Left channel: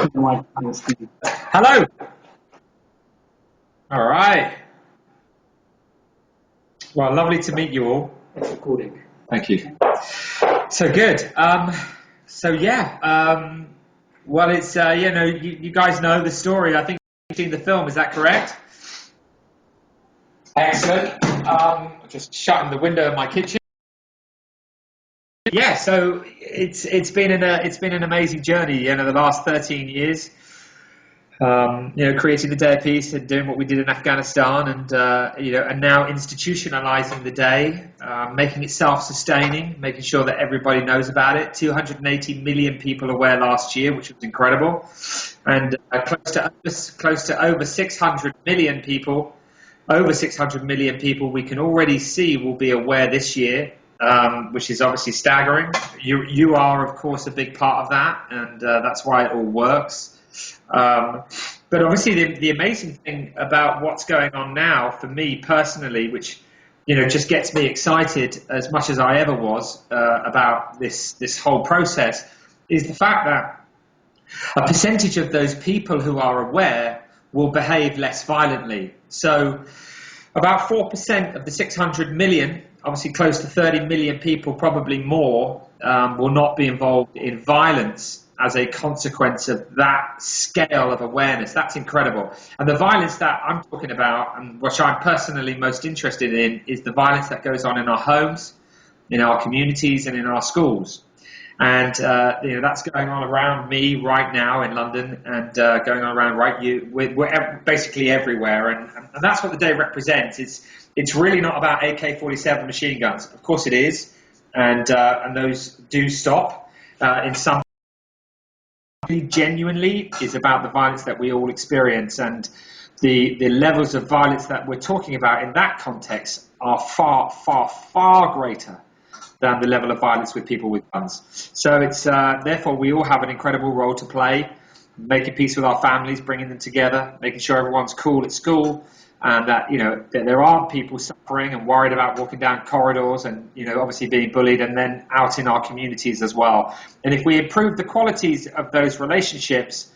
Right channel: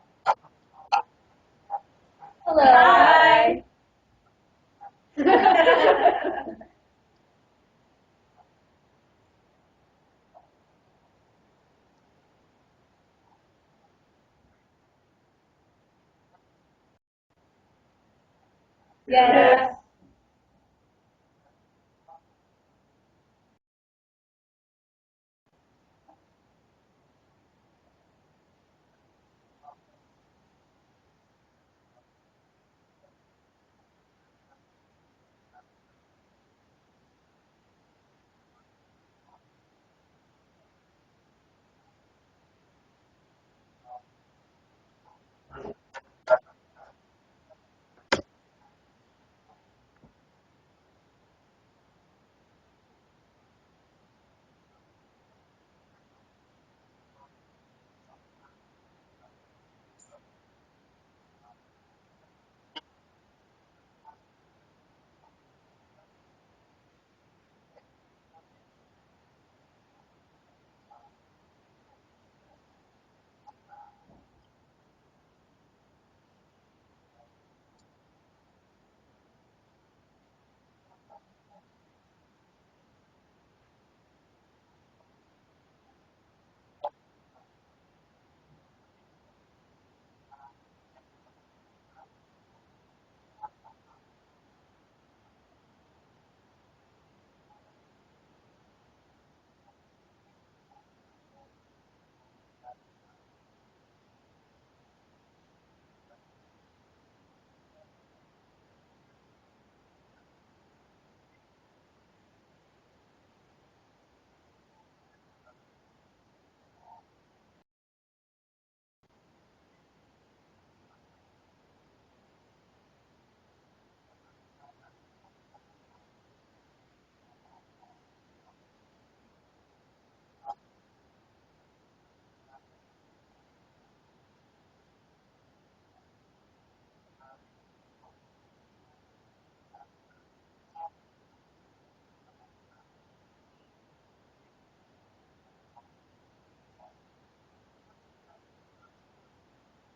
Hello. Hello. Hi. All right. Well, lovely to meet you all. It's recording. Thank you. So good. Well, it's you guys know the story. I think you've seen the film. Is that correct? Yes. Excellent. Just shutting the window of my kitchen. Yeah. So it's been an amazing journey. The last 13 years. Creating the Day of Peace and doing what we did in Afghanistan, and now institutionalizing the day, making it self-sustaining, making sure that everybody knows about it. 280 million people aware last year, which was incredible, and close to over 600 million people. Over 600 million people we can already see will be aware this year, which is obviously staggering. You are, of course, a big part of that, and that's why it all works. But obviously the amazing thing about what's going on now for me personally, which just gets me excited as much as I ever was about this whole process, is the fact that a percentage of those people who are aware will behave less violently. So about 4% of the 600 million, obviously close to 30 million people, probably more, will not be involved in violence as a consequence of that scale of awareness. That's incredible. And the violence that I'm talking about, and which I'm personally most interested in, is the violence that goes on in our homes, in our communities, and in our schools. And that's going on around me right now in London, and going on around we're basically everywhere. And that's what the day represents. It's really not about AK-47 machine guns. Of course it is, and those do stop in some. Genuinely is about the violence that we all experience, and the levels of violence that we're talking about in that context are far, far, far greater than the level of violence with people with guns. So it's therefore we all have an incredible role to play, making peace with our families, bringing them together, making sure everyone's cool at school, and that that there aren't people suffering and worried about walking down corridors, and obviously being bullied, and then out in our communities as well. And if we improve the qualities of those relationships,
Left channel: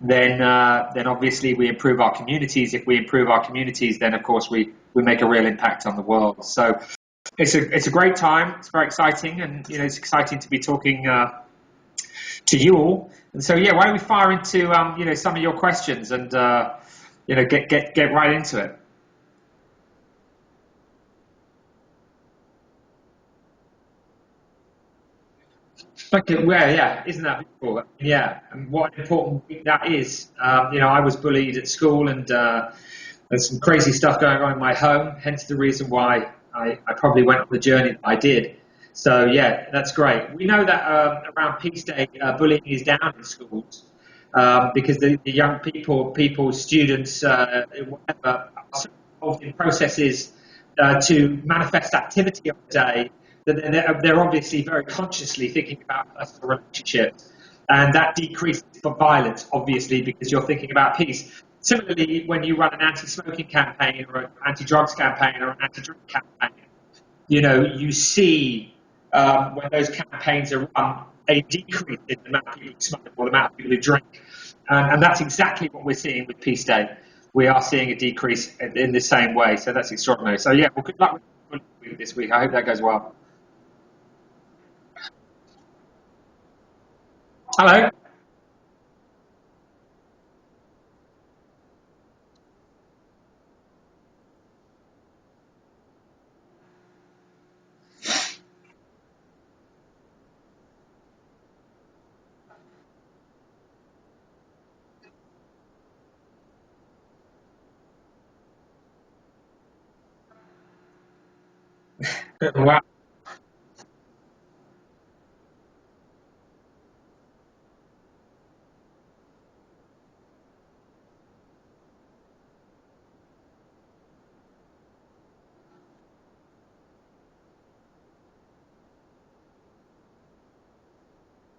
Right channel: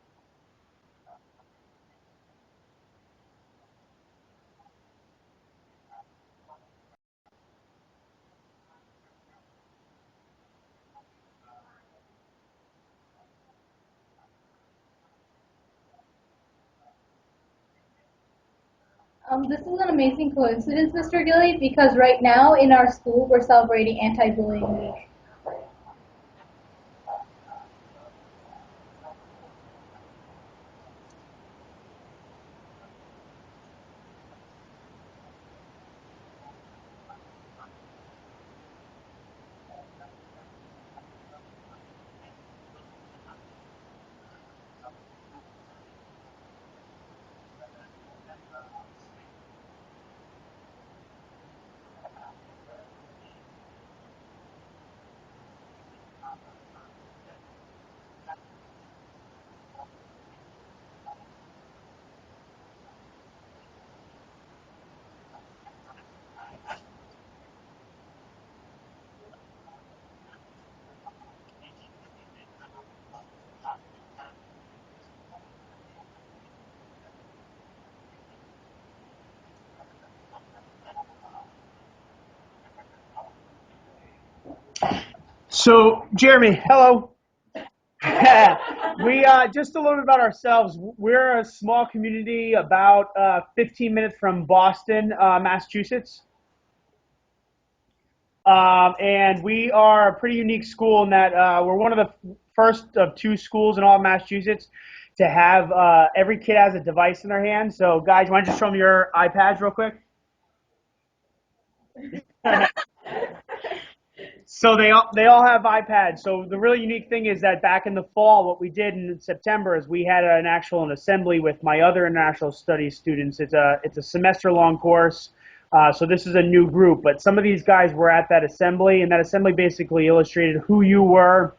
then obviously we improve our communities. If we improve our communities, then of course we make a real impact on the world. So it's a great time. It's very exciting, and it's exciting to be talking to you all. And so why don't we fire into some of your questions and get right into it. This is an amazing coincidence, Mr. Gilly, because right now in our school we're celebrating Anti-Bullying Week. Okay, well, yeah, isn't that beautiful? Yeah, and what an important week that is. I was bullied at school, and there's some crazy stuff going on in my home, hence the reason why I probably went on the journey that I did. So, yeah, that's great. We know that around Peace Day, bullying is down in schools because the young people, students, whatever, are so involved in processes to manifest activity on the day that they're obviously very consciously thinking about personal relationships. And that decreases violence, obviously, because you're thinking about peace. Similarly, when you run an anti-smoking campaign or an anti-drugs campaign or an anti-drug campaign, you see when those campaigns are run, a decrease in the amount of people who smoke or the amount of people who drink. And that's exactly what we're seeing with Peace Day. We are seeing a decrease in the same way. So that's extraordinary. So, yeah, well, good luck with this week. I hope that goes well. So, Jeremy, hello. Hello. We just a little bit about ourselves. We're a small community about 15 minutes from Boston, Massachusetts. And we are a pretty unique school in that we're one of the first of two schools in all of Massachusetts to have every kid has a device in their hand. So, guys, why don't you show them your iPads real quick? Wow. So they all have iPads. So the really unique thing is that back in the fall, what we did in September is we had an assembly with my other international studies students. It's a semester-long course. So this is a new group, but some of these guys were at that assembly, and that assembly basically illustrated who you were,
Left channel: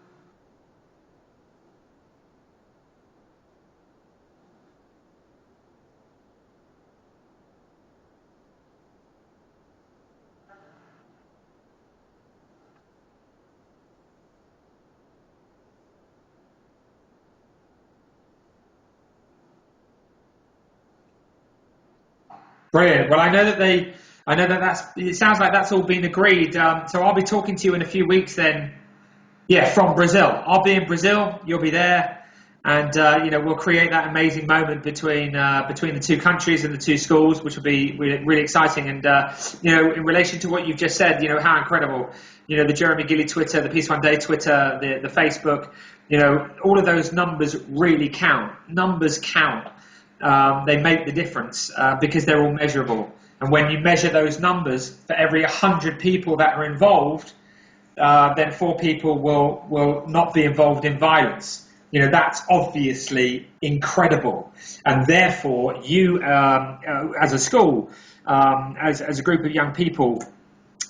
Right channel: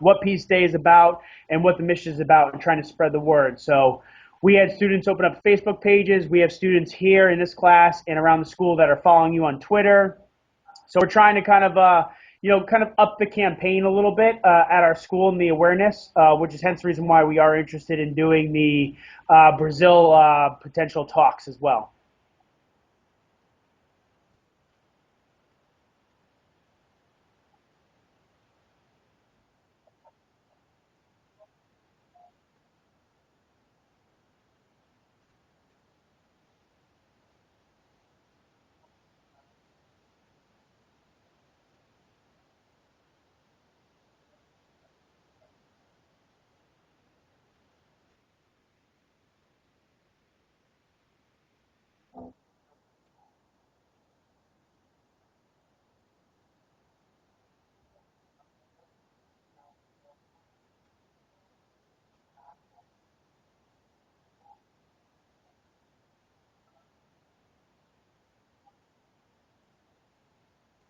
what Peace Day is about, and what the mission is about, and trying to spread the word. So we had students open up Facebook pages. We have students here in this class and around the school that are following you on Twitter. So we're trying to kind of kind of up the campaign a little bit at our school and the awareness, which is hence the reason why we are interested in doing the Brazil potential talks as well. Brilliant. Well, I know that it sounds like that's all been agreed. So I'll be talking to you in a few weeks then. Yeah, from Brazil. I'll be in Brazil. You'll be there. And, we'll create that amazing moment between the two countries and the two schools, which will be really exciting. And, in relation to what you've just said, how incredible, the Jeremy Gilley Twitter, the Peace One Day Twitter, the Facebook, all of those numbers really count. Numbers count. They make the difference because they're all measurable. And when you measure those numbers, for every 100 people that are involved, then 4 people will not be involved in violence. That's obviously incredible. And therefore, you, as a school, as a group of young people,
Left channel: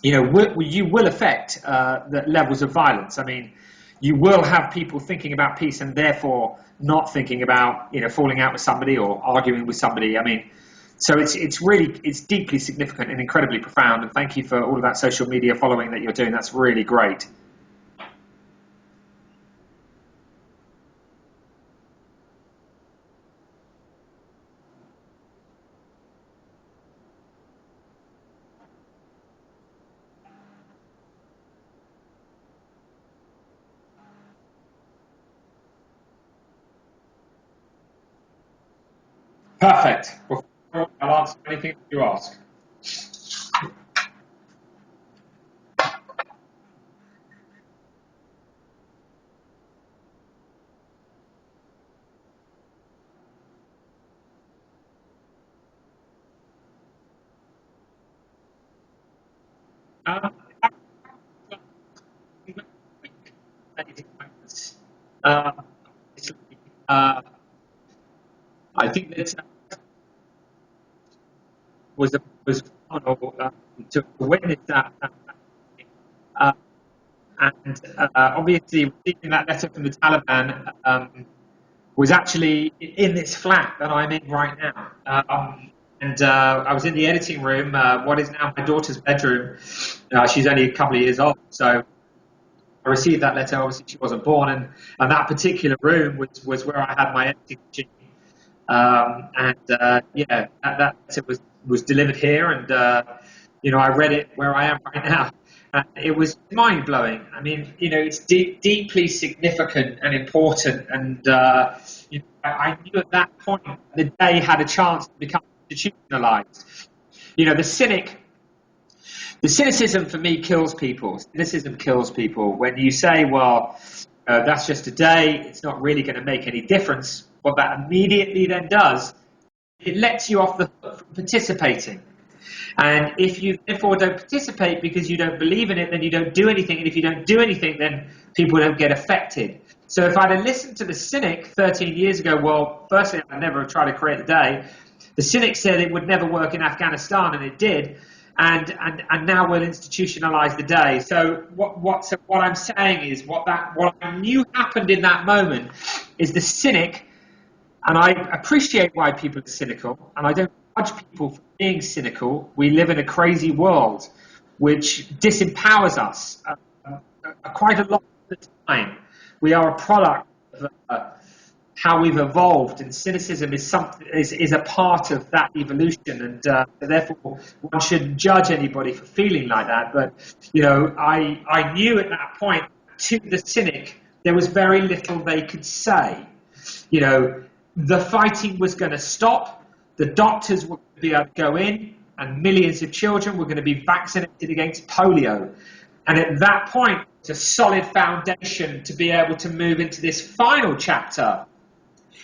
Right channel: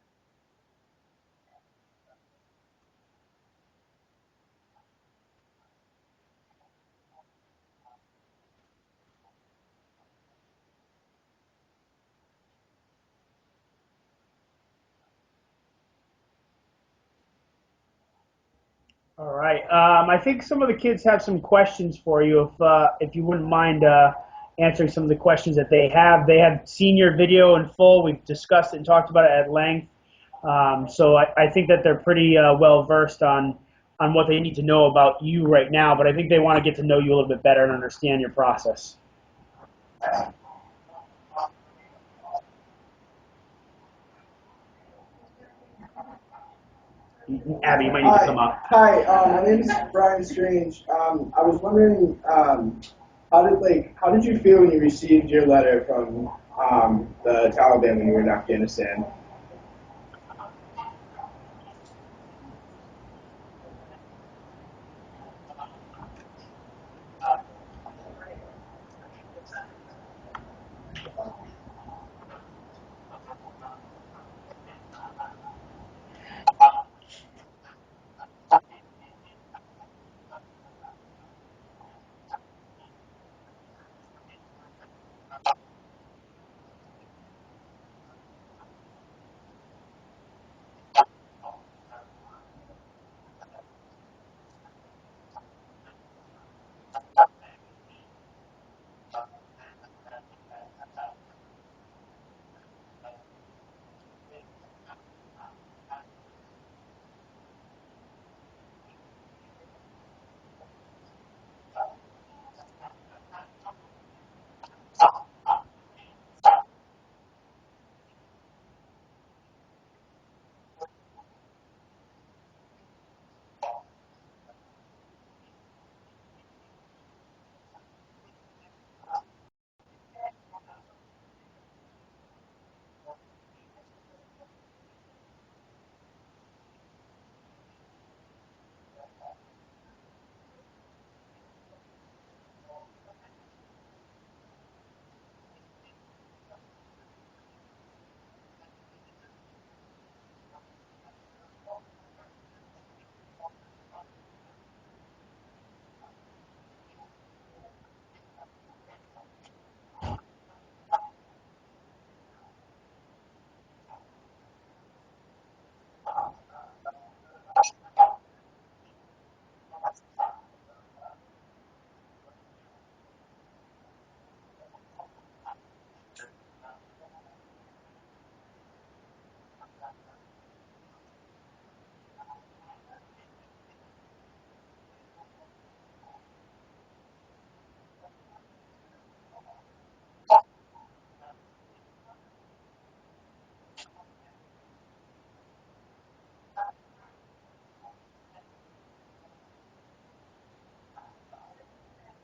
you will affect the levels of violence. I mean, you will have people thinking about peace and therefore not thinking about, falling out with somebody or arguing with somebody. I mean, so it's deeply significant and incredibly profound. And thank you for all of that social media following that you're doing. That's really great. All right. I think some of the kids have some questions for you. If you wouldn't mind answering some of the questions that they have. They have seen your video in full. We've discussed it and talked about it at length. So I think that they're pretty well versed on what they need to know about you right now. But I think they want to get to know you a little bit better and understand your process. Perfect. I'll answer anything you ask. Abby, you might need to come up. Hi, my name is Brian Strange. I was wondering, how did you feel when you received your letter from the Taliban when you were in Afghanistan? I think that was phenomenal to witness that. And obviously, receiving that letter from the Taliban was actually in this flat that I'm in right now. And I was in the editing room, what is now my daughter's bedroom. She's only a couple of years old, so I received that letter. Obviously, she wasn't born, and that particular room was where I had my editing machine. That letter was delivered here, and I read it where I am right now. And it was mind-blowing. I mean, it's deeply significant and important. And I knew at that point the day had a chance to become institutionalized. The cynicism for me kills people. Cynicism kills people. When you say, well, that's just a day, it's not really going to make any difference, what that immediately then does, it lets you off the hook from participating. And if you therefore don't participate because you don't believe in it, then you don't do anything. And if you don't do anything, then people don't get affected. So if I'd have listened to the cynic 13 years ago, well, firstly, I'd never have tried to create a day. The cynic said it would never work in Afghanistan, and it did. And now we'll institutionalize the day. So what I'm saying is what I knew happened in that moment is the cynic, and I appreciate why people are cynical, and I don't judge people for being cynical. We live in a crazy world which disempowers us quite a lot of the time. We are a product of how we've evolved, and cynicism is a part of that evolution, and therefore one shouldn't judge anybody for feeling like that. But I knew at that point, to the cynic, there was very little they could say. The fighting was going to stop. The doctors were going to be able to go in, and millions of children were going to be vaccinated against polio. And at that point, it's a solid foundation to be able to move into this final chapter,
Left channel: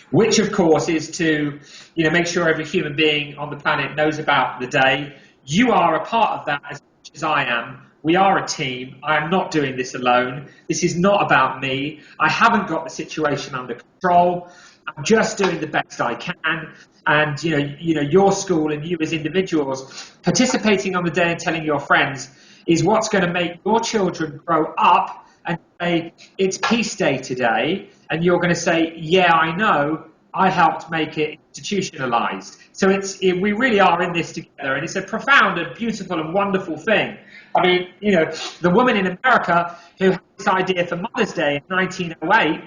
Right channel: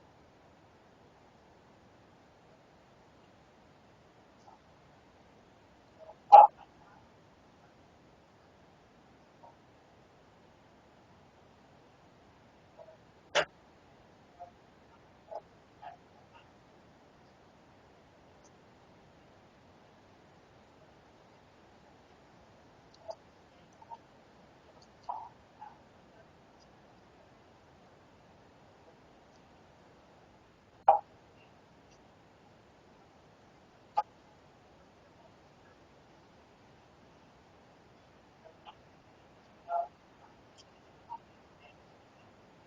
which, of course, is to make sure every human being on the planet knows about the day. You are a part of that as much as I am. We are a team. I am not doing this alone. This is not about me. I haven't got the situation under control. I'm just doing the best I can. And your school and you as individuals participating on the day and telling your friends is what's going to make your children grow up and say, it's Peace Day today. And you're going to say, yeah, I know, I helped make it institutionalized. So we really are in this together, and it's a profound and beautiful and wonderful thing. I mean, you know, the woman in America who had this idea for Mother's Day in 1908,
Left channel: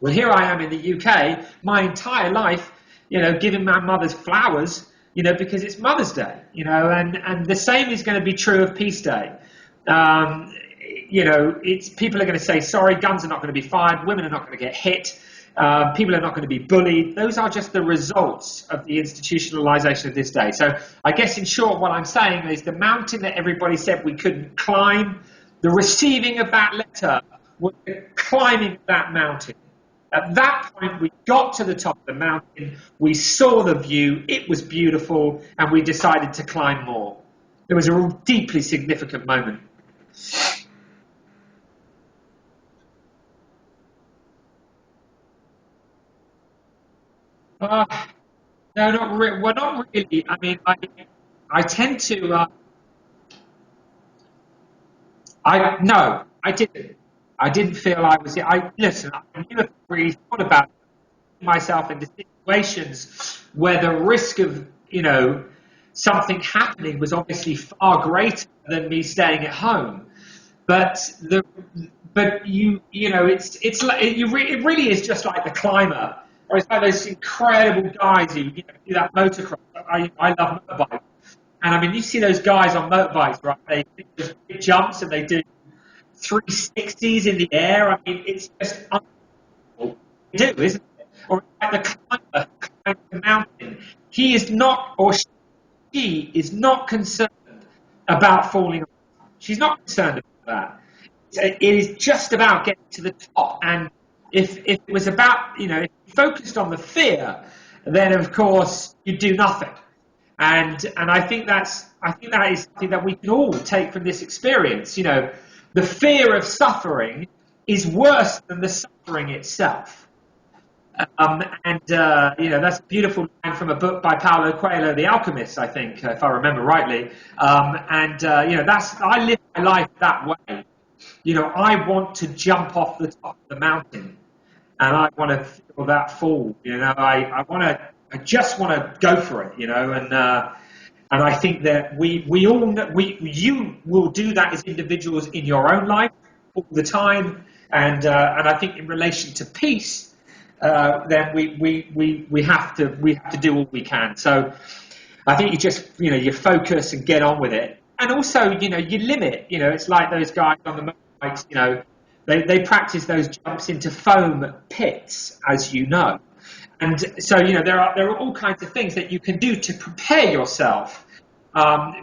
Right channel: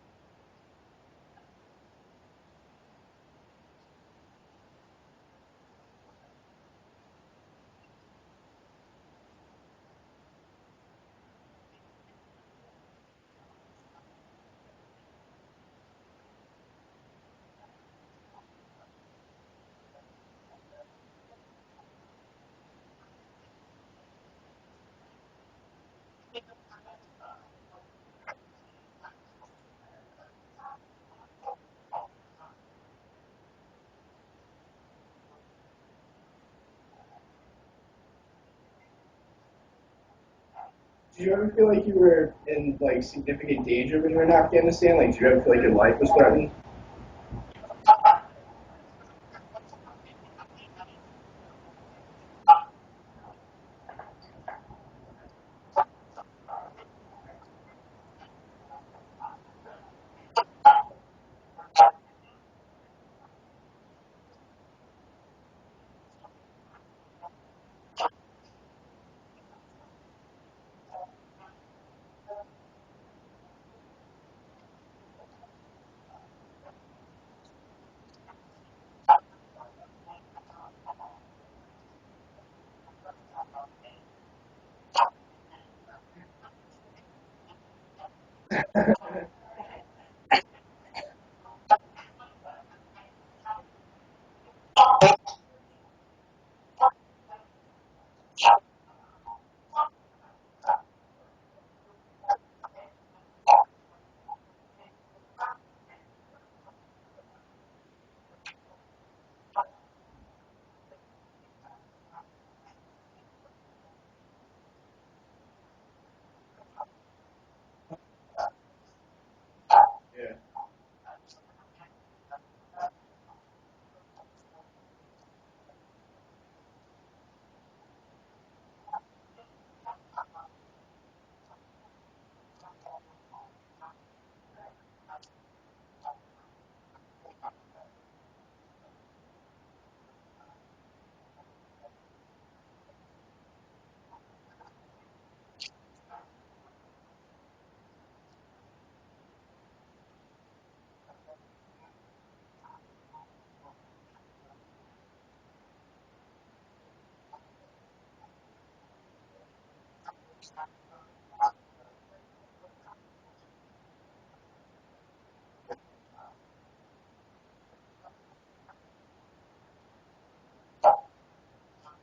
well, here I am in the UK, my entire life, you know, giving my mother's flowers, you know, because it's Mother's Day, you know, and the same is going to be true of Peace Day. You know, people are going to say, sorry, guns are not going to be fired, women are not going to get hit, people are not going to be bullied. Those are just the results of the institutionalization of this day. So I guess in short, what I'm saying is the mountain that everybody said we couldn't climb, the receiving of that letter was the climbing of that mountain. At that point, we got to the top of the mountain, we saw the view, it was beautiful, and we decided to climb more. It was a deeply significant moment. Did you ever feel like you were in like significant danger when you were in Afghanistan? Like, did you ever feel like your life was threatened? No, not really. Well, not really. I mean, I tend to. No, I didn't. I didn't feel I was. Listen. I never really thought about myself into situations where the risk of, you know, something happening was obviously far greater than me staying at home. But you know, it's like it really is just like the climber, or it's like those incredible guys who, you know, do that motocross. I love motorbikes, and I mean, you see those guys on motorbikes, right? They do those big jumps and they do 360s in the air. I mean, it's just unbelievable to do, isn't it? Or like the climber climbing the mountain. He is not, or she is not concerned about falling off. She's not concerned about that. It is just about getting to the top. And if it was about, you know, if you focused on the fear, then of course you'd do nothing. And I think that is something that we can all take from this experience. You know, the fear of suffering is worse than the suffering itself. You know, that's a beautiful line from a book by Paulo Coelho, The Alchemist, I think, if I remember rightly. You know, I live my life that way. You know, I want to jump off the top of the mountain, and I want to feel that fall. You know, I just want to go for it. You know, and I think that you will do that as individuals in your own life all the time, and I think in relation to peace, then we have to do all we can. So I think you just, you know, you focus and get on with it, and also, you know, you limit. You know, it's like those guys on the motorbikes. You know, they practice those jumps into foam pits, as you know. And so, you know, there are all kinds of things that you can do to prepare yourself,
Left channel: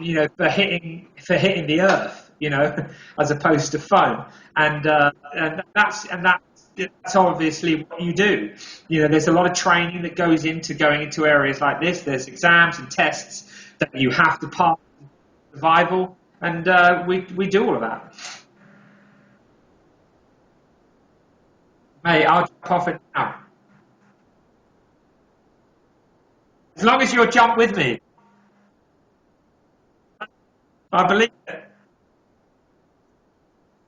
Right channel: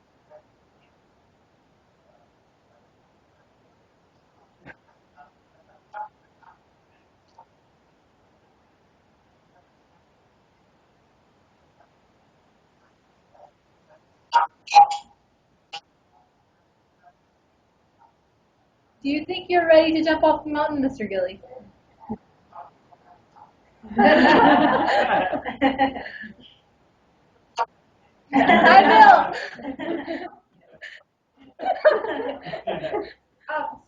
you know, for hitting the earth, you know, as opposed to foam. And that's obviously what you do. You know, there's a lot of training that goes into going into areas like this. There's exams and tests that you have to pass, survival, and we do all of that. Do you think you're ready to jump off the mountain, Mr. Gilly? Hey, I'll jump off it now. As long as you'll jump with me. I will. I believe it.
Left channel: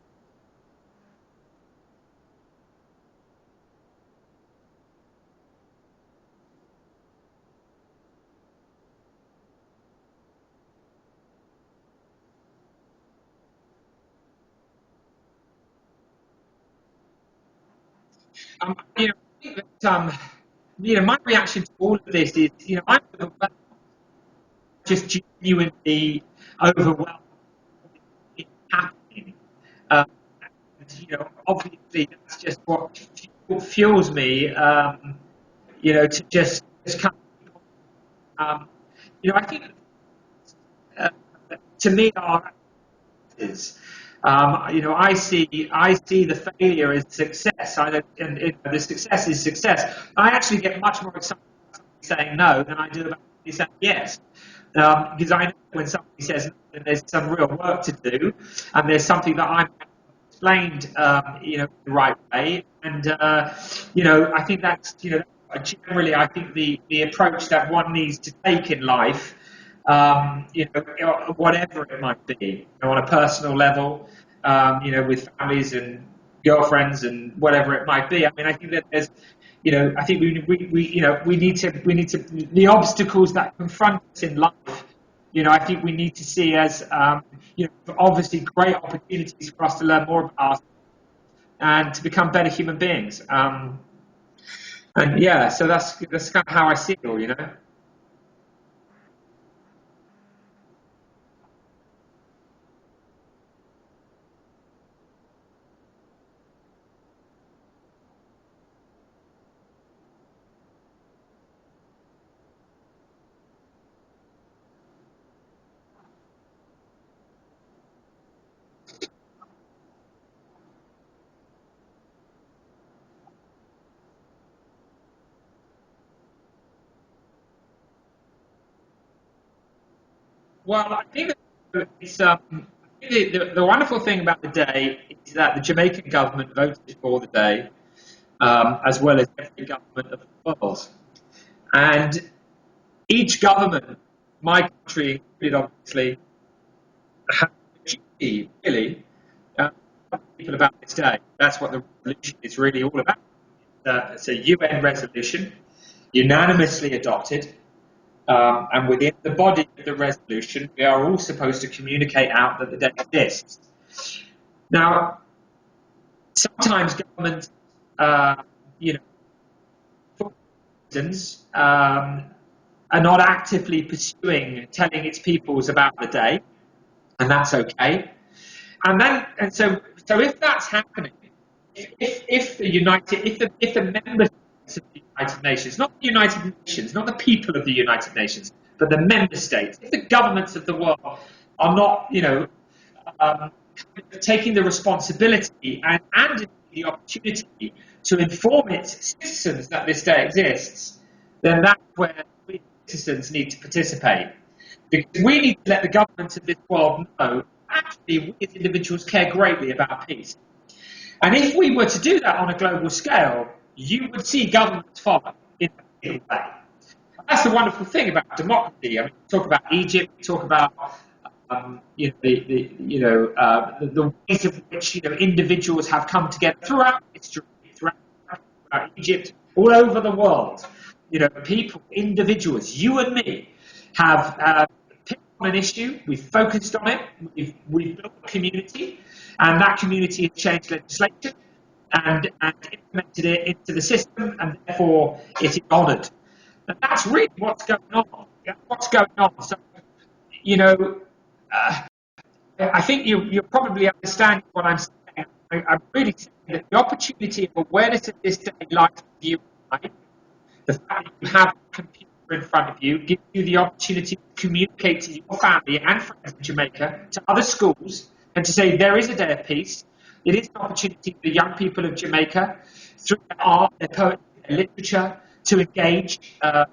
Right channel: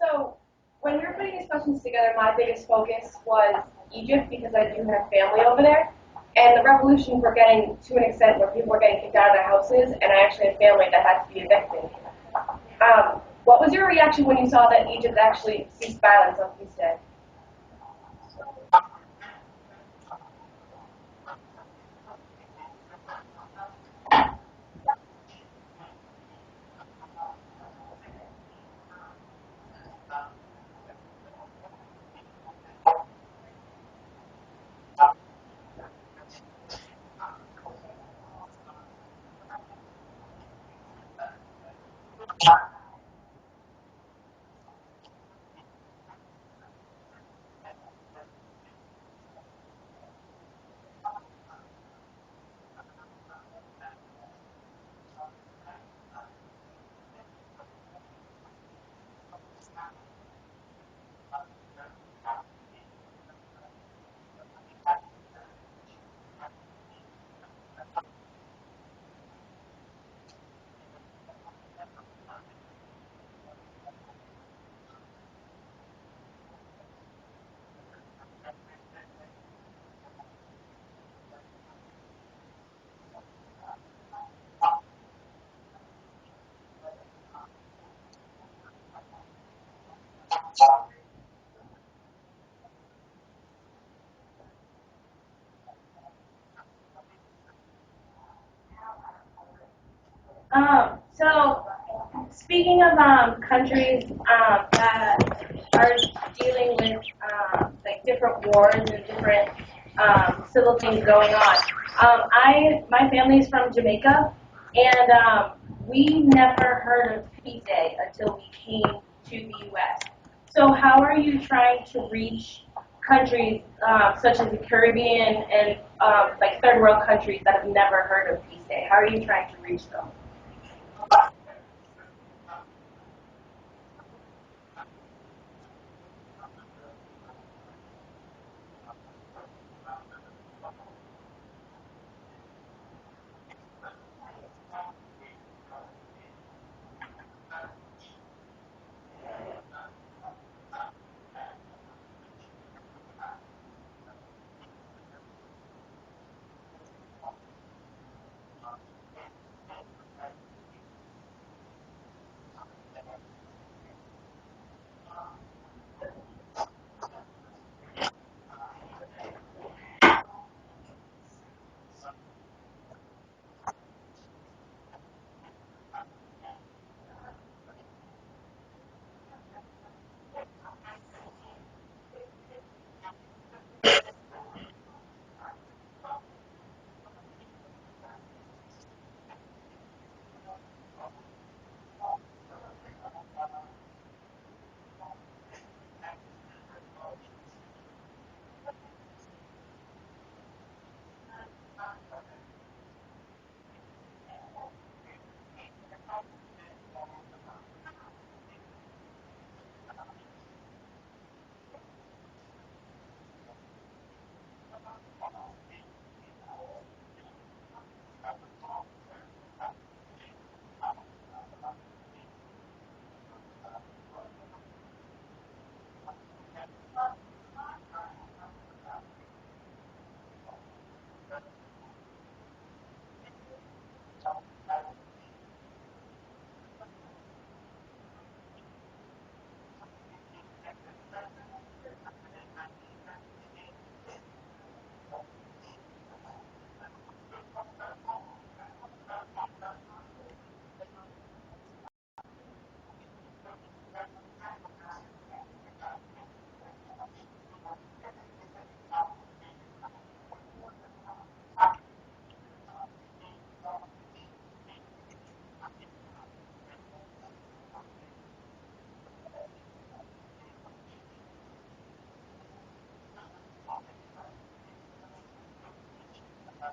So, when we were putting these questions together, my biggest focus was Egypt, because I do have family over there. And the revolutions were getting to an extent where people were getting kicked out of their houses, and I actually had family that had to be evicted. What was your reaction when you saw that Egypt actually ceased violence on Peace Day? You know, I think that, you know, my reaction to all of this is, you know, I'm just genuinely overwhelmed with happening. And, you know, obviously that's just what fuels me, you know, to just come. You know, I think, to me, you know, I see the failure as success. And the success is success. I actually get much more excited about somebody saying no than I do about somebody saying yes. Because I know when somebody says no, then there's some real work to do, and there's something that I've explained, you know, the right way. And you know, I think that's, you know, generally, I think the approach that one needs to take in life. You know, whatever it might be, you know, on a personal level, you know, with families and girlfriends and whatever it might be. I mean, I think that there's, you know, I think we need to the obstacles that confront us in life. You know, I think we need to see as obviously great opportunities for us to learn more about ourselves and to become better human beings. And yeah, so that's kind of how I see it all, So speaking of countries that are dealing with like different wars and different civil things going on, my family's from Jamaica, and we never heard of Peace Day until we came to the U.S. So how are you trying to reach countries such as the Caribbean and like third world countries that have never heard of Peace Day? How are you trying to reach them? Well, I think that the wonderful thing about the day is that the Jamaican government voted for the day, as well as every government of the world. And each government, my country included, obviously, have a duty, really, to tell people about this day. That's what the resolution is really all about. It's a UN resolution, unanimously adopted. And within the body of the resolution, we are all supposed to communicate out that the day exists. Now, sometimes governments, for reasons, are not actively pursuing telling its peoples about the day, and that's okay. And so if that's happening, if the member states of the United Nations, not the United Nations, not the people of the United Nations, but the member states, if the governments of the world are not, um, taking the responsibility and the opportunity to inform its citizens that this day exists, then that's where we citizens need to participate. Because we need to let the governments of this world know, actually, we as individuals care greatly about peace. And if we were to do that on a global scale, you would see governments follow in a real way. And that's the wonderful thing about democracy. I mean, we talk about Egypt, we talk about the ways in which individuals have come together throughout history, throughout Egypt, all over the world. People, individuals, you and me, have picked on an issue. We've focused on it. We've built a community, and that community has changed legislation and implemented it into the system, and therefore it is honoured. And that's really what's going on. That's what's going on. So, I think you're probably understanding what I'm saying. I'm really saying that the opportunity of awareness of this day lies with you and I. The fact that you have a computer in front of you gives you the opportunity to communicate to your family and friends in Jamaica, to other schools, and to say there is a day of peace. It is an opportunity for the young people of Jamaica, through their art, their poetry, their literature, to engage, to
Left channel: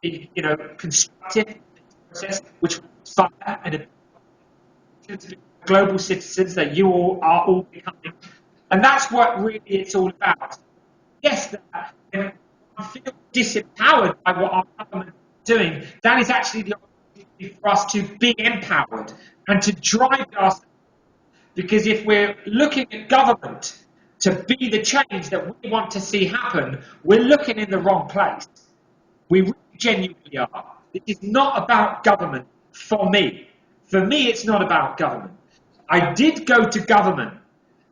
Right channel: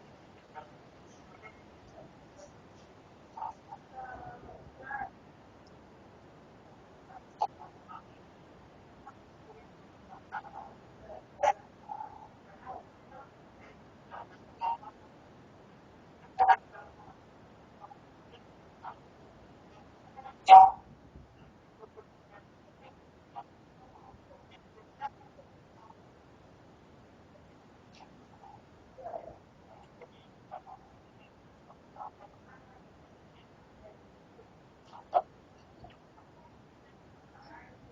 be, constructive in this process, which will inspire and global citizens that you all are all becoming. And that's what really it's all about. Yes, I feel disempowered by what our government is doing. That is actually the opportunity for us to be empowered and to drive us. Because if we're looking at government to be the change that we want to see happen, we're looking in the wrong place. We really genuinely are. It is not about government for me. For me, it's not about government. I did go to government.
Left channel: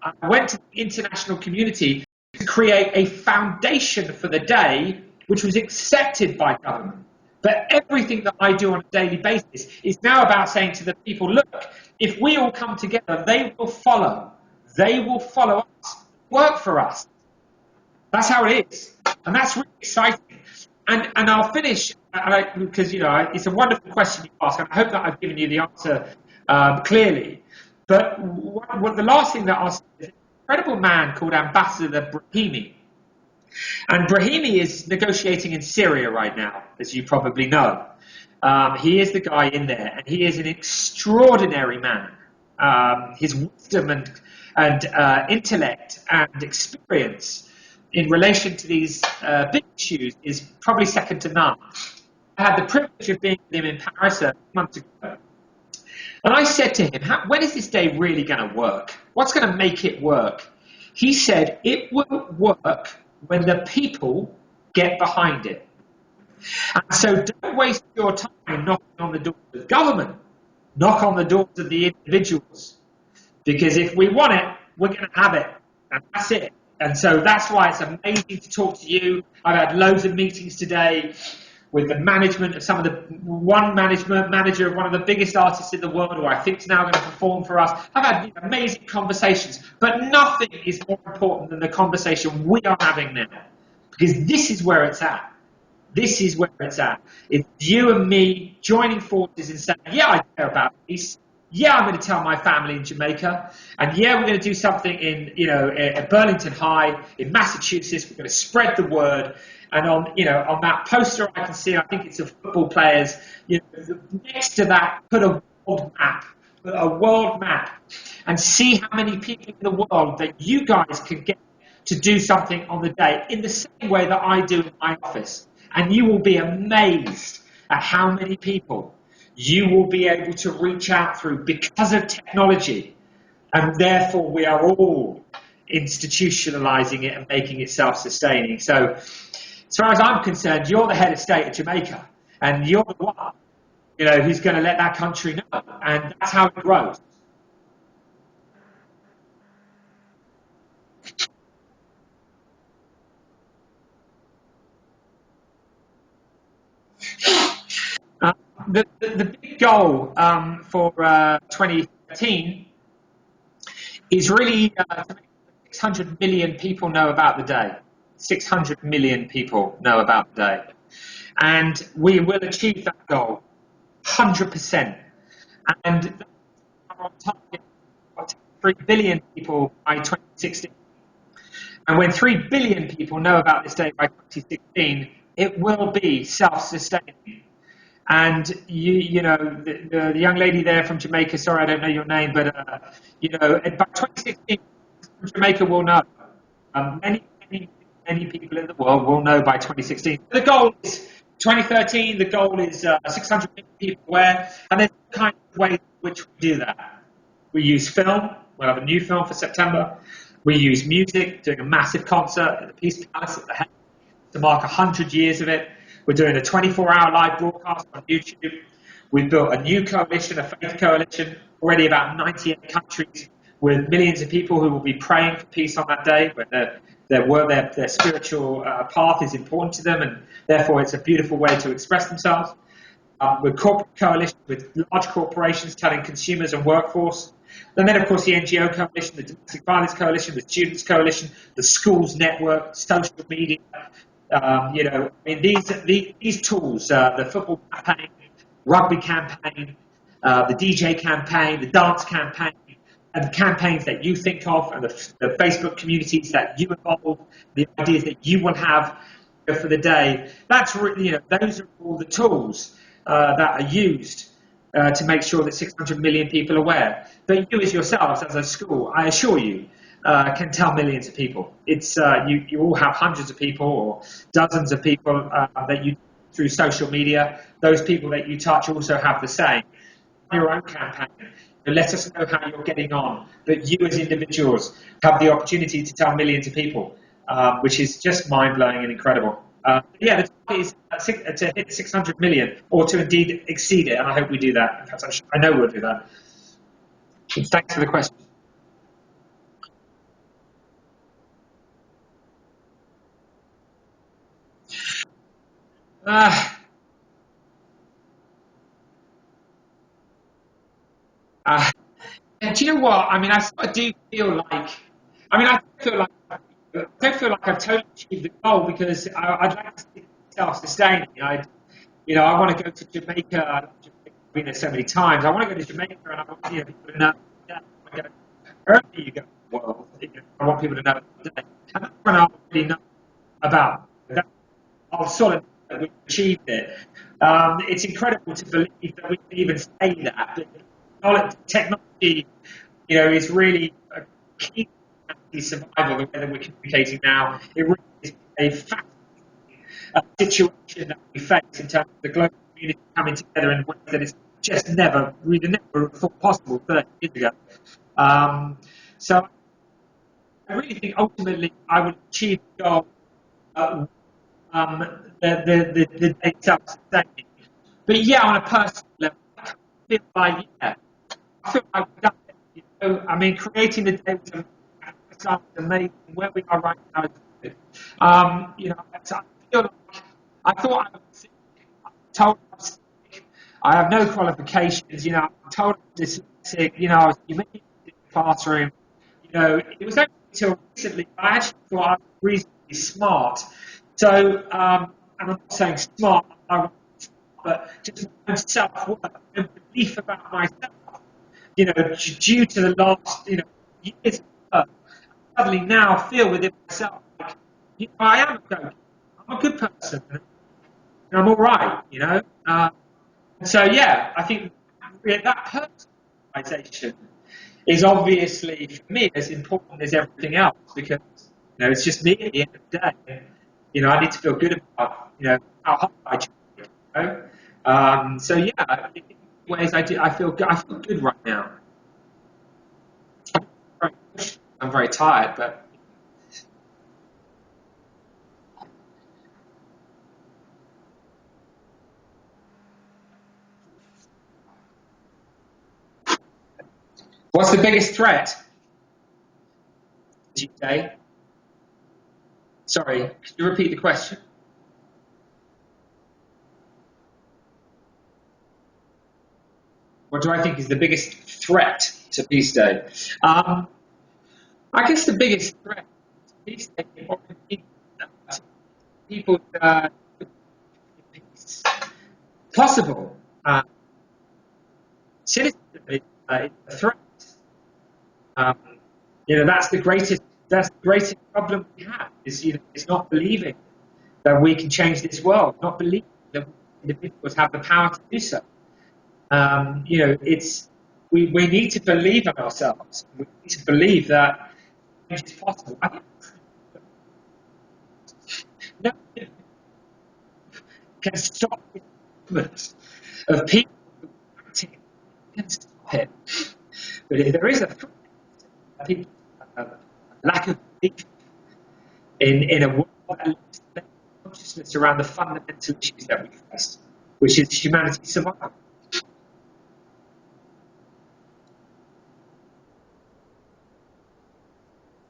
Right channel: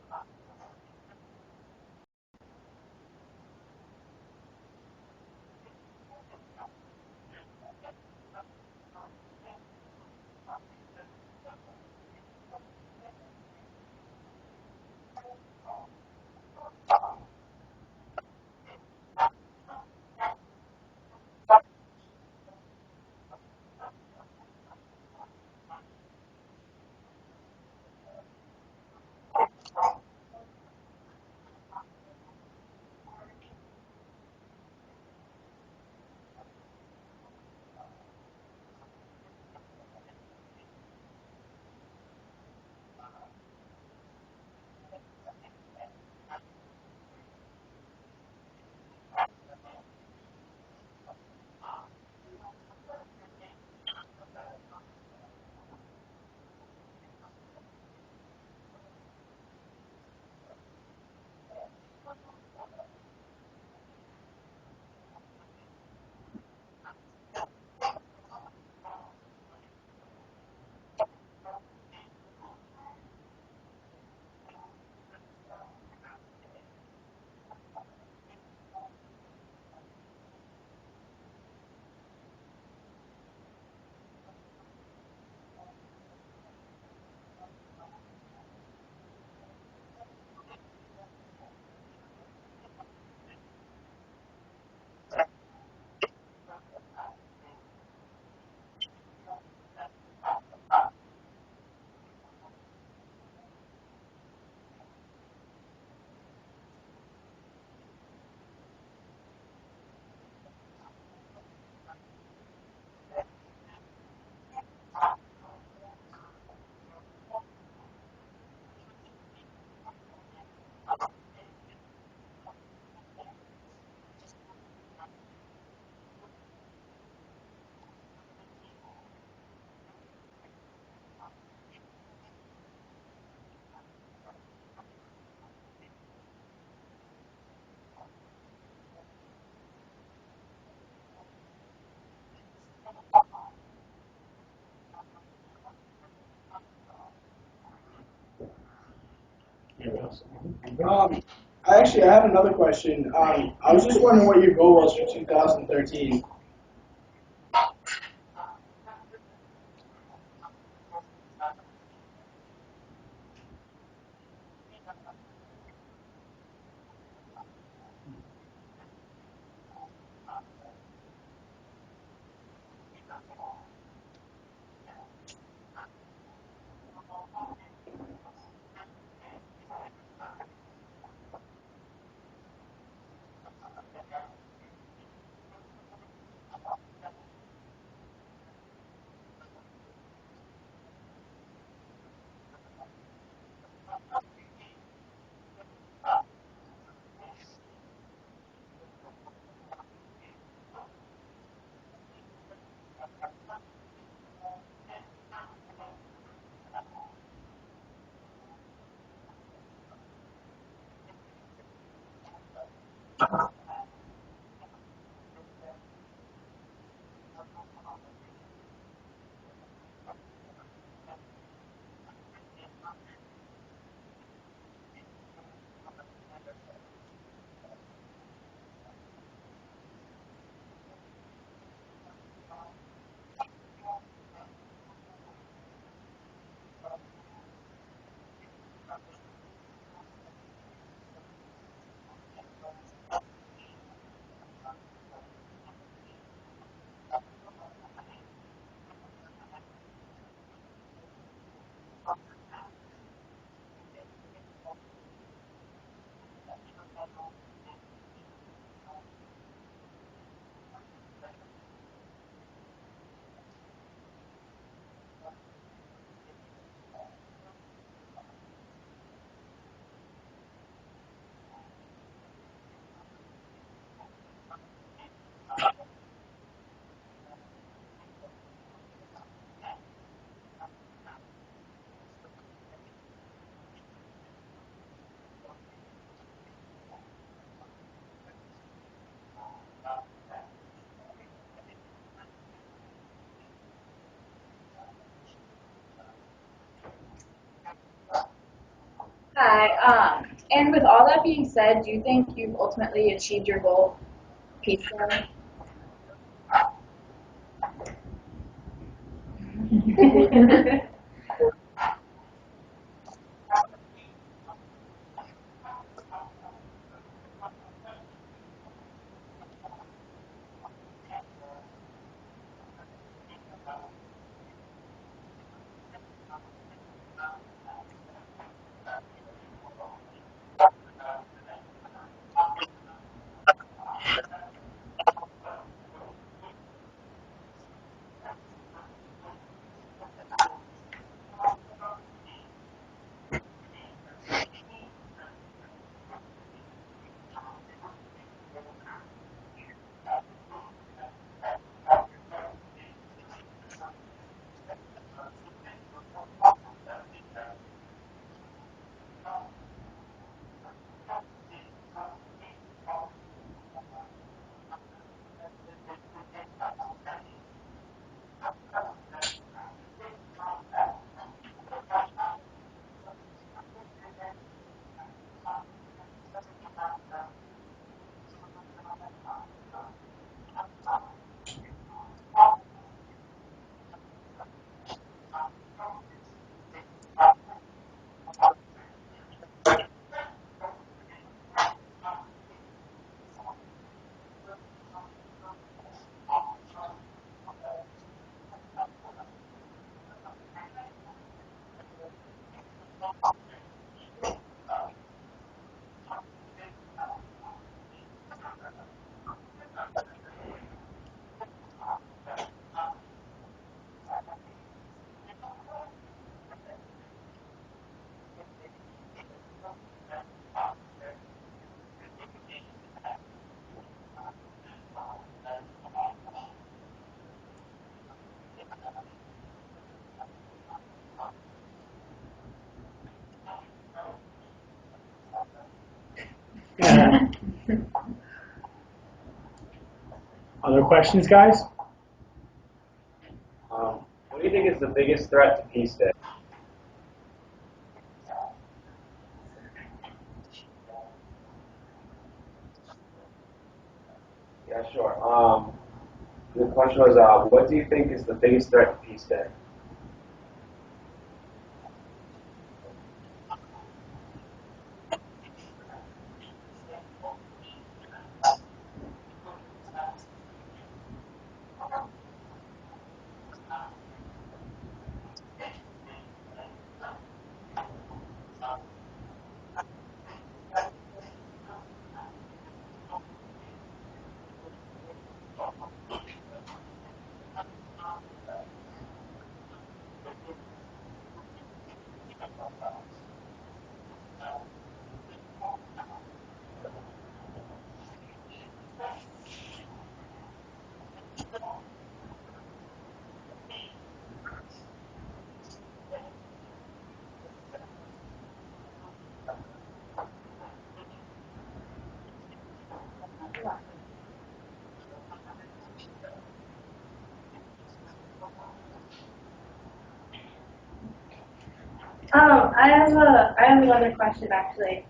I went to the international community to create a foundation for the day which was accepted by government. But everything that I do on a daily basis is now about saying to the people, look, if we all come together, they will follow. They will follow us, work for us. That's how it is. And that's really exciting. And I'll finish, because it's a wonderful question you ask, and I hope that I've given you the answer clearly. But the last thing that I'll say is an incredible man called Ambassador Brahimi. And Brahimi is negotiating in Syria right now, as you probably know. He is the guy in there, and he is an extraordinary man. His wisdom and intellect and experience in relation to these big issues is probably second to none. I had the privilege of being with him in Paris a month ago. And I said to him, when is this day really going to work? What's going to make it work? He said, it will work when the people get behind it. And so don't waste your time knocking on the door of government. knock on the doors of the individuals, because if we want it, we're going to have it, and that's it. And so that's why it's amazing to talk to you. I've had loads of meetings today with the management of some of the manager of one of the biggest artists in the world, who I think is now going to perform for us. I've had amazing conversations, but nothing is more important than the conversation we are having now, because this is where it's at. This is where it's at. It's you and me joining forces and saying, yeah, I care about peace. Yeah, I'm going to tell my family in Jamaica. And yeah, we're going to do something in, at Burlington High in Massachusetts. We're going to spread the word. And on that poster I can see, I think it's of football players, next to that, put a world map, and see how many people in the world that you guys can get to do something on the day in the same way that I do in my office. And you will be amazed at how many people you will be able to reach out through because of technology. And therefore, we are all institutionalizing it and making it self-sustaining. So, as far as I'm concerned, you're the head of state of Jamaica, and you're the one, who's going to let that country know. And that's how it grows. I have another question. I was just wondering what your goal was for 2013. The big goal for 2013 is really to make 600 million people know about the day. 600 million people know about the day. And we will achieve that goal 100%. And our target of 3 billion people by 2016. And when 3 billion people know about this day by 2016, it will be self-sustaining. And the young lady there from Jamaica, sorry I don't know your name, but by 2016, Jamaica will know. Many people in the world will know by 2016. The goal is 2013. The goal is 600 million people aware, and there's kind of ways in which we do that. We use film. We'll have a new film for September. We use music, doing a massive concert at the Peace Palace at the Head to mark 100 years of it. We're doing a 24-hour live broadcast on YouTube. We've built a new coalition, a faith coalition, already about 98 countries, with millions of people who will be praying for peace on that day, where their spiritual path is important to them, and therefore it's a beautiful way to express themselves. With corporate coalition, with large corporations telling consumers and workforce. And then, of course, the NGO coalition, the Domestic Violence Coalition, the Students Coalition, the Schools Network, social media. These tools, the football campaign, rugby campaign, the DJ campaign, the dance campaign, and the campaigns that you think of, and the Facebook communities that you involve, the ideas that you will have for the day. That's really, those are all the tools that are used to make sure that 600 million people are aware. But you as yourselves, as a school, I assure you, can tell millions of people. It's you all have hundreds of people or dozens of people that you through social media. Those people that you touch also have the same. Your own campaign. Let us know how you're getting on. But you as individuals have the opportunity to tell millions of people, which is just mind-blowing and incredible. The target is to hit 600 million, or to indeed exceed it, and I hope we do that. In fact, I know we'll do that. Thanks for the question. Hi. And with all that being said, do you think you've ultimately achieved your goal peacefully? Do you know what? I mean, I do feel like. I mean, I don't feel like I've totally achieved the goal, because I'd like to see it self-sustaining. I want to go to Jamaica. I've been there so many times. I want to go to Jamaica, and I want people to know. Wherever you go in the world, I want people to know today. And that's when I'll really know about that. I'll sort of know that we've achieved it. It's incredible to believe that we can even say that. But technology, is really a key to survival, the way that we're communicating now. It really is a fact. Situation that we face in terms of the global community coming together in ways that it's just we'd never thought possible 30 years ago. So I really think ultimately I would achieve the goal, the day self-sustaining. But yeah, on a personal level, I feel like, yeah, I feel like we've done it. You know, I mean, creating the day was amazing. Where we are right now is good. You know, so I feel like I thought I was told I was sick. I have no qualifications. You know, I'm told I'm dyslexic. You know, I was humiliated in the classroom. You know, it was only until recently I actually thought I was reasonably smart. So, and I'm not saying smart, but just my own self-worth and belief about myself. You know, due to the last, you know, years of work, I suddenly now feel within myself like, you know, I am okay. I'm a good person. I'm all right. You know. So yeah, I think that personalization is obviously for me as important as everything else because you know it's just me at the end of the day. And, you know, I need to feel good about you know how hard I try. You know? So yeah, in ways I do. I feel good right now. I'm very tired, but Other questions, guys? What do you think is the biggest threat to peace day? what's the biggest threat? Did you say? Sorry, could you repeat the question? Yeah, sure. The question was, what do you think is the biggest threat to peace day? What do I think is the biggest threat to Peace Day? I guess the biggest threat to Peace Day is people peace possible. Cynicism is a threat. Um, you know, that's the greatest problem we have is, you know, it's not believing that we can change this world, not believing that individuals have the power to do so. You know, we need to believe in ourselves. We need to believe that change is possible. I think no one can stop the movement of people acting can stop it. But if there is a threat, I think lack of belief in a world that lacks consciousness around the fundamental issues that we face, which is humanity's survival. I have another question actually.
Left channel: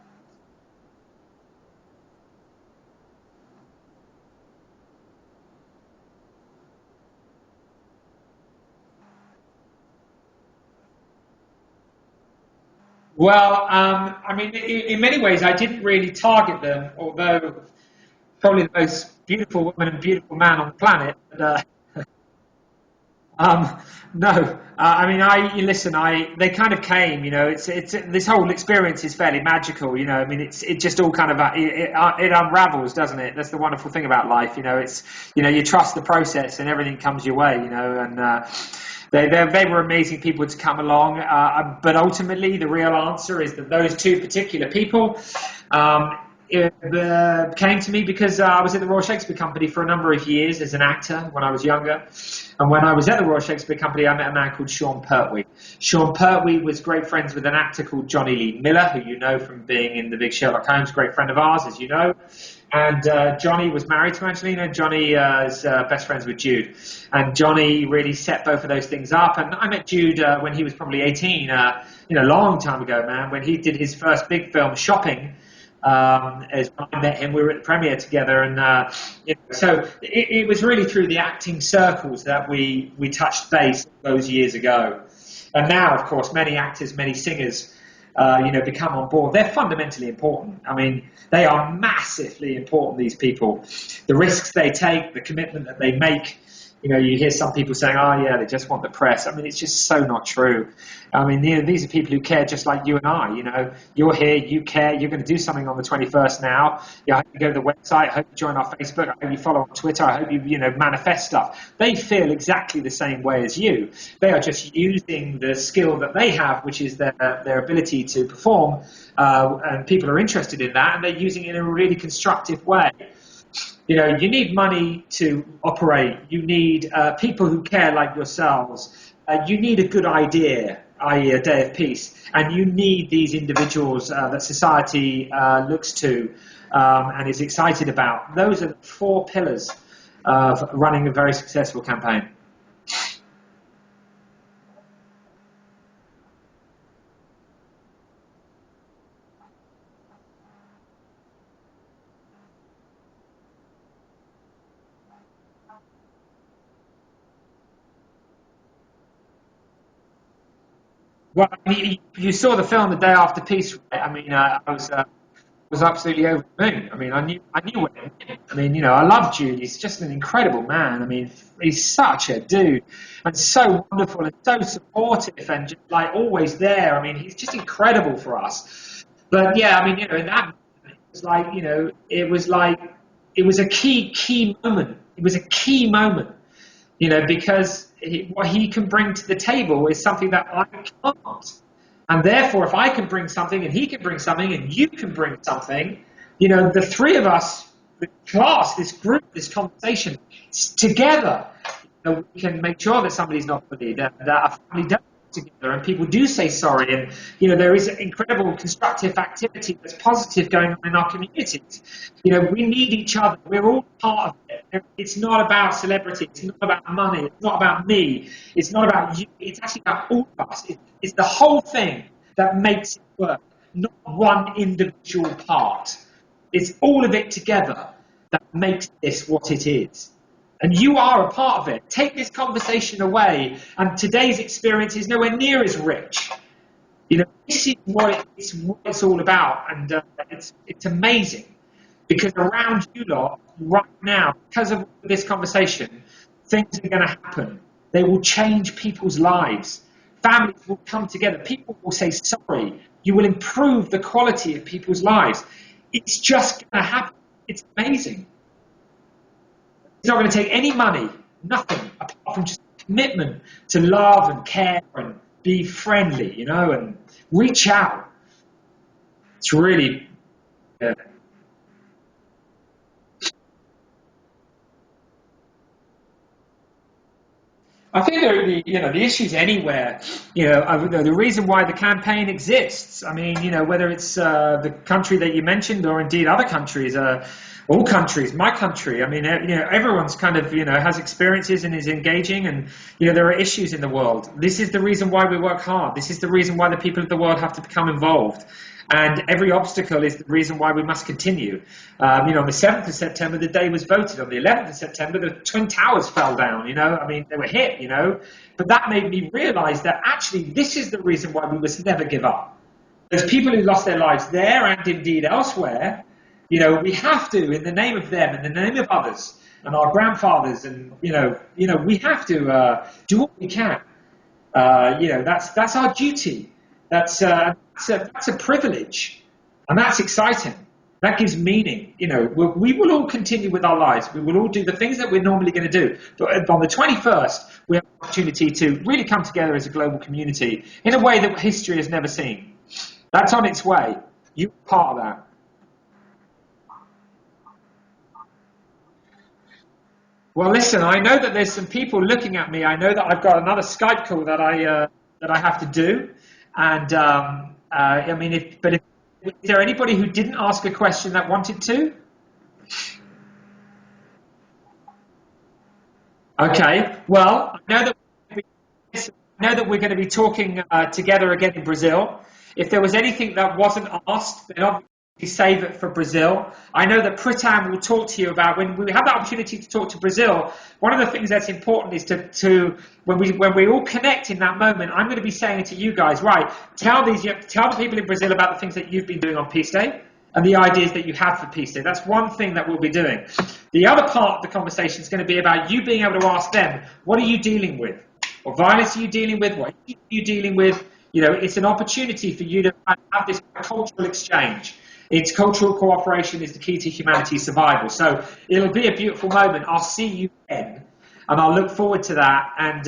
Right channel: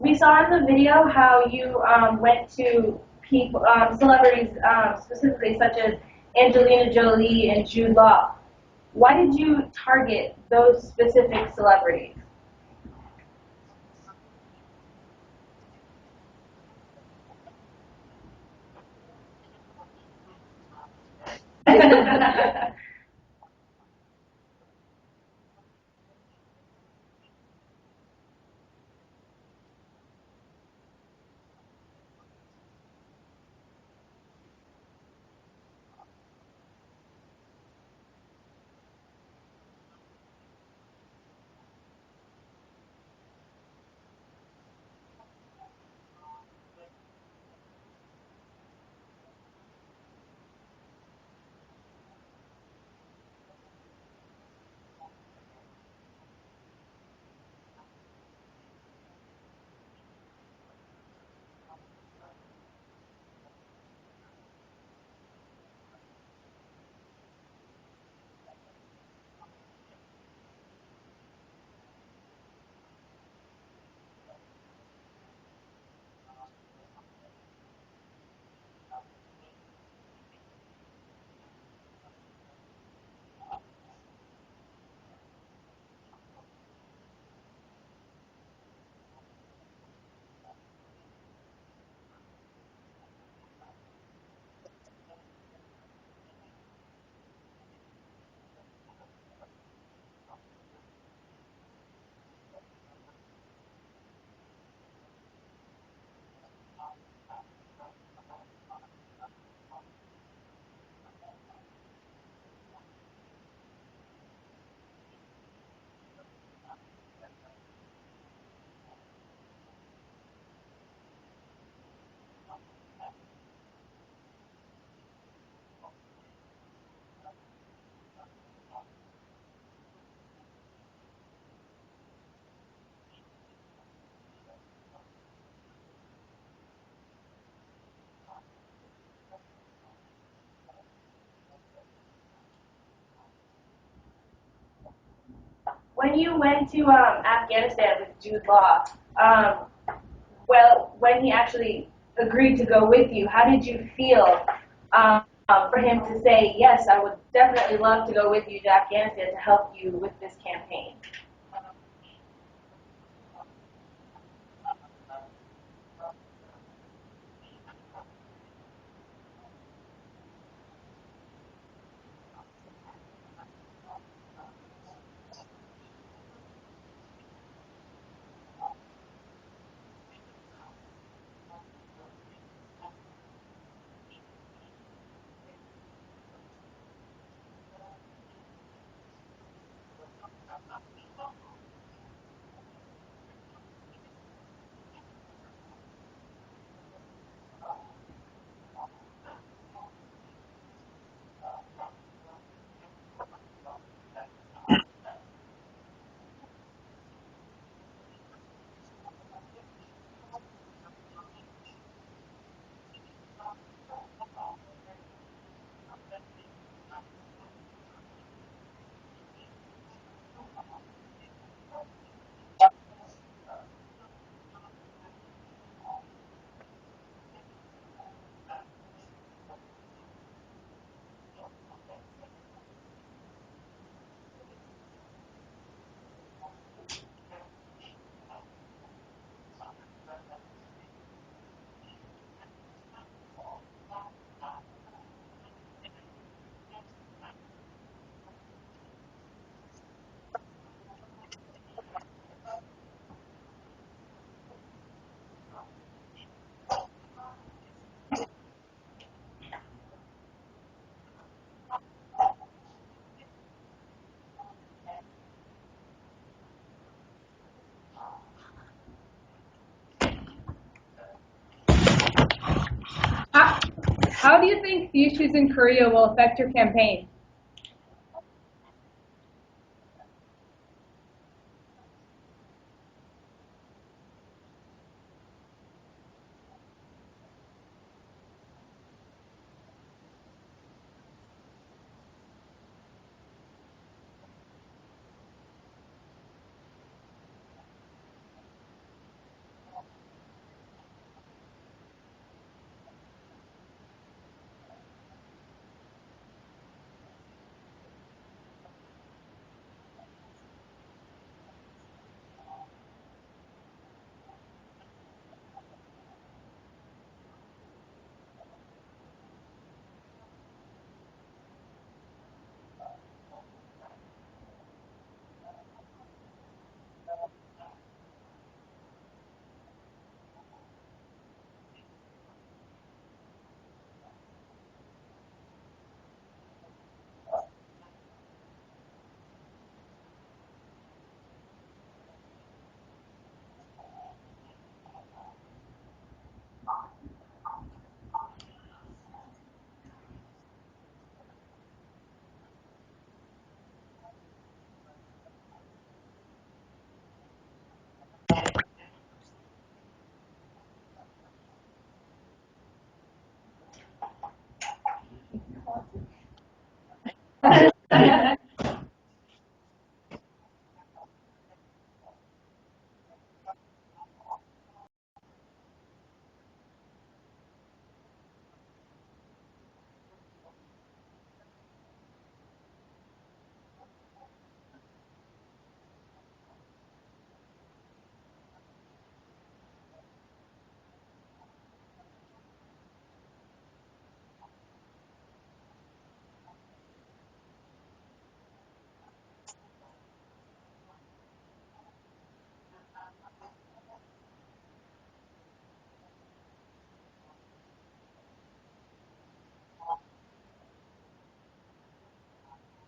We saw in the video how you went to people, celebrities specifically, such as Angelina Jolie and Jude Law. Why did you target those specific celebrities? Well, I mean, in many ways, I didn't really target them, although probably the most beautiful woman and beautiful man on the planet. No, I mean, listen, they kind of came, you know, it's this whole experience is fairly magical, you know, I mean, it just all kind of, it unravels, doesn't it? That's the wonderful thing about life, you know, you know, you trust the process and everything comes your way, you know, and, they were amazing people to come along, but ultimately the real answer is that those two particular people, came to me because I was at the Royal Shakespeare Company for a number of years as an actor when I was younger. And when I was at the Royal Shakespeare Company, I met a man called Sean Pertwee. Sean Pertwee was great friends with an actor called Johnny Lee Miller, who you know from being in the big Sherlock Holmes, great friend of ours, as you know. And Johnny was married to Angelina. Johnny is best friends with Jude. And Johnny really set both of those things up. And I met Jude when he was probably 18, you know, a long time ago, man, when he did his first big film, Shopping. As I met him, we were at the premiere together, and you know, so it was really through the acting circles that we touched base those years ago. And now, of course, many actors, many singers, you know, become on board. They're fundamentally important. I mean, they are massively important. These people, the risks they take, the commitment that they make. You know, you hear some people saying, "Oh, yeah, they just want the press." I mean, it's just so not true. I mean, you know, these are people who care just like you and I. You know, you're here, you care, you're going to do something on the 21st now. Yeah, I hope you go to the website, I hope you join our Facebook, I hope you follow on Twitter, I hope you know, manifest stuff. They feel exactly the same way as you. They are just using the skill that they have, which is their ability to perform, and people are interested in that, and they're using it in a really constructive way. You know, you need money to operate. You need people who care like yourselves. You need a good idea, i.e. a day of peace. And you need these individuals that society looks to and is excited about. Those are the four pillars of running a very successful campaign. to Afghanistan with Jude Law, well, when he actually agreed to go with you, how did you feel for him to say, yes, I would definitely love to go with you to Afghanistan to help you with this campaign? Well, I mean, you saw the film The Day After Peace, right? I mean, I was absolutely over the moon. I mean, I knew what it meant. I mean, I love Jude. He's just an incredible man. I mean, he's such a dude and so wonderful and so supportive and just like always there. I mean, he's just incredible for us. But yeah, I mean, in that moment, it was like, it was a key moment. It was a key moment, because what he can bring to the table is something that I can't. And therefore, if I can bring something and he can bring something and you can bring something, the three of us, the class, this group, this conversation, together, we can make sure that somebody's not bullied, that a family does together and people do say sorry, and there is incredible constructive activity that's positive going on in our communities. We need each other. We're all part of it. It's not about celebrity. It's not about money. It's not about me. It's not about you. It's actually about all of us. It's the whole thing that makes it work, not one individual part. It's all of it together that makes this what it is. And you are a part of it. Take this conversation away, and today's experience is nowhere near as rich. This is what it's all about, and it's amazing. Because around you lot, right now, because of this conversation, things are going to happen. They will change people's lives. Families will come together. People will say sorry. You will improve the quality of people's lives. It's just going to happen. It's amazing. It's not going to take any money, nothing, apart from just commitment to love and care and be friendly, and reach out. It's really good. How do you think the issues in Korea will affect your campaign? I think the issues anywhere. The reason why the campaign exists. I mean, whether it's the country that you mentioned or indeed other countries, all countries, my country. I mean, everyone's kind of has experiences and is engaging, and there are issues in the world. This is the reason why we work hard. This is the reason why the people of the world have to become involved. And every obstacle is the reason why we must continue. On the 7th of September, the day was voted. On the 11th of September, the Twin Towers fell down, I mean, they were hit, But that made me realize that actually this is the reason why we must never give up. There's people who lost their lives there and indeed elsewhere. We have to, in the name of them, in the name of others, and our grandfathers, and, we have to do what we can. That's our duty. That's a privilege, and that's exciting. That gives meaning. We will all continue with our lives. We will all do the things that we're normally going to do. But on the 21st, we have an opportunity to really come together as a global community in a way that history has never seen. That's on its way. You're part of that. Well, listen, I know that there's some people looking at me. I know that I've got another Skype call that I have to do. And is there anybody who didn't ask a question that wanted to? Okay. Well, I know that we're going to be talking together again in Brazil. If there was anything that wasn't asked, then obviously save it for Brazil. I know that Pritam will talk to you about when we have the opportunity to talk to Brazil. One of the things that's important is to when we all connect in that moment, I'm going to be saying to you guys, right, tell the people in Brazil about the things that you've been doing on Peace Day and the ideas that you have for Peace Day. That's one thing that we'll be doing. The other part of the conversation is going to be about you being able to ask them, what are you dealing with? What violence are you dealing with? What are you dealing with? It's an opportunity for you to have this cultural exchange. It's cultural cooperation is the key to humanity's survival. So it'll be a beautiful moment. I'll see you then, and I'll look forward to that. And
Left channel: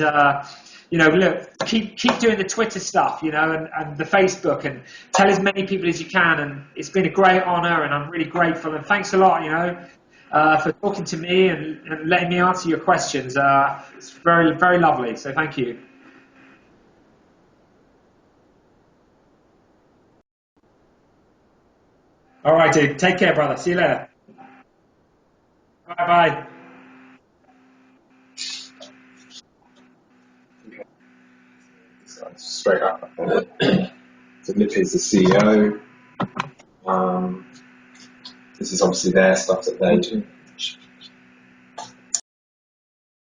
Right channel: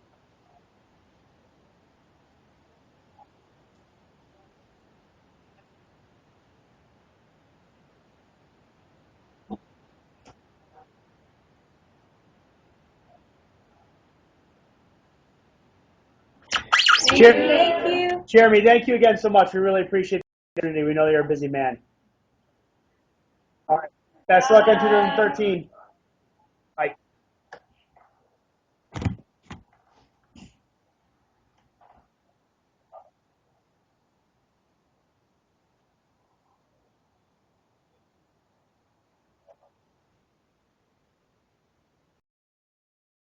look, keep doing the Twitter stuff, and the Facebook, and tell as many people as you can. And it's been a great honor, and I'm really grateful. And thanks a lot, for talking to me and letting me answer your questions. It's very, very lovely. So thank you. Thank you. Jeremy, thank you again so much. We really appreciate the opportunity. We know you're a busy man. All right, dude. Take care, brother. See you later. Best luck in 2013. Bye-bye. Bye. straight up. So Liv is the CEO. This is obviously their stuff that they